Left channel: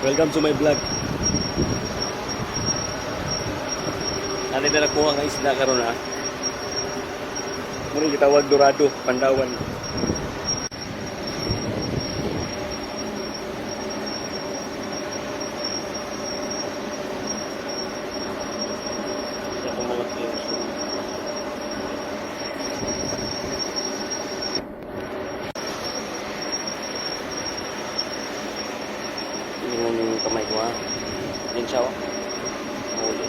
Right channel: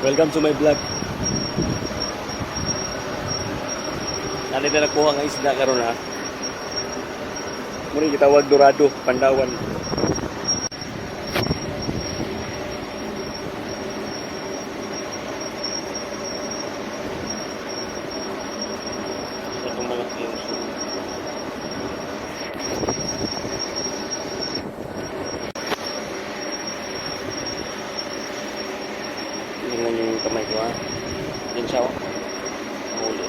Welcome to my vlog. Natin na nagkuha ng isda karon ha. Muna gitawag dorado, Pandawan. Itong mga tingnan niyo yung kamay ko ha. Yan siya oh. Mahuli.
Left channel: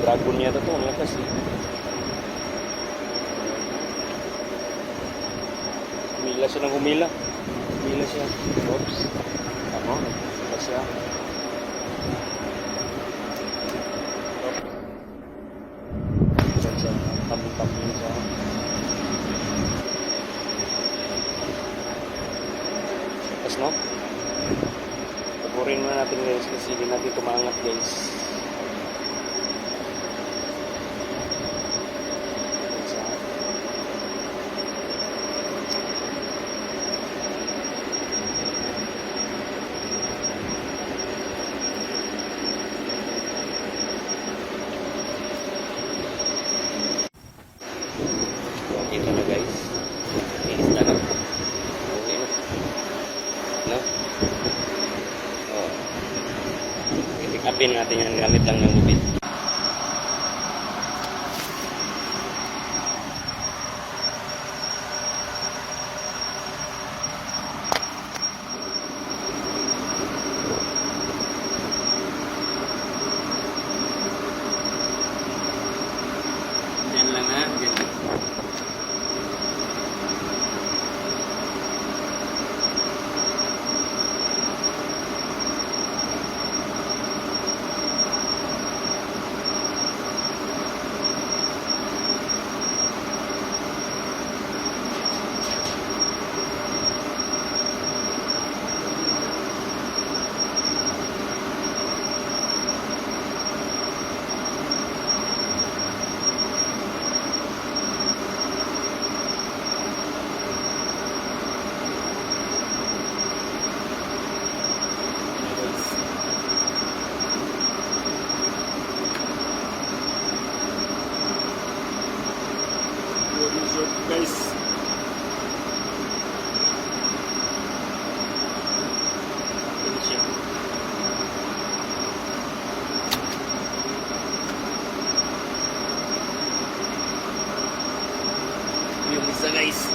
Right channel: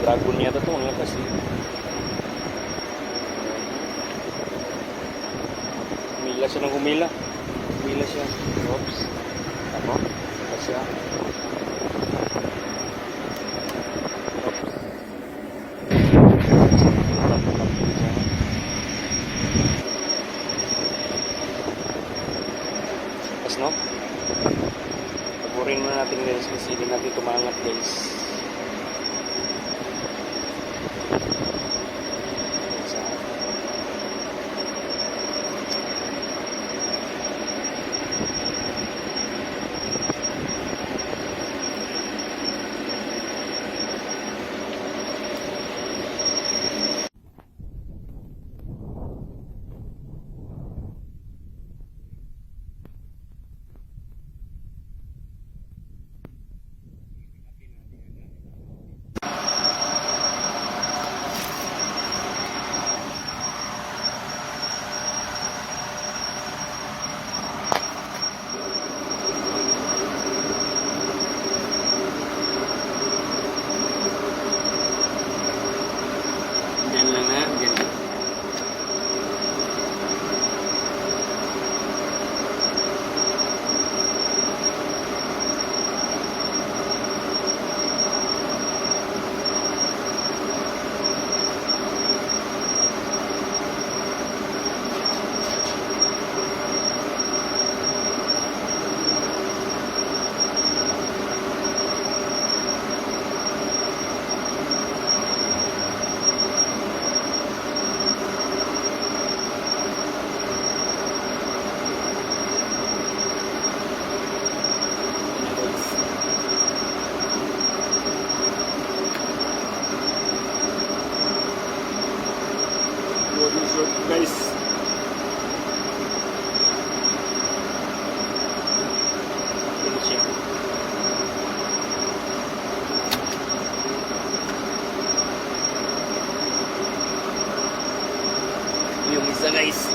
Dragon niya to ang lakas eh. Humila siya ng humila. Humila siya. Oops. Ano? Saka siya. Oops. Tap-tap siya. Yes, no? Pagurin muna natin guys kasi hindi natin tumangat guys. Ito na guys. Inis na lang. Okay na. No? Oh. I-pick upin natin yan gamit lang ng lubid. Yan lang ha. Ganyan. Guys, ini siya. Yung isa guys.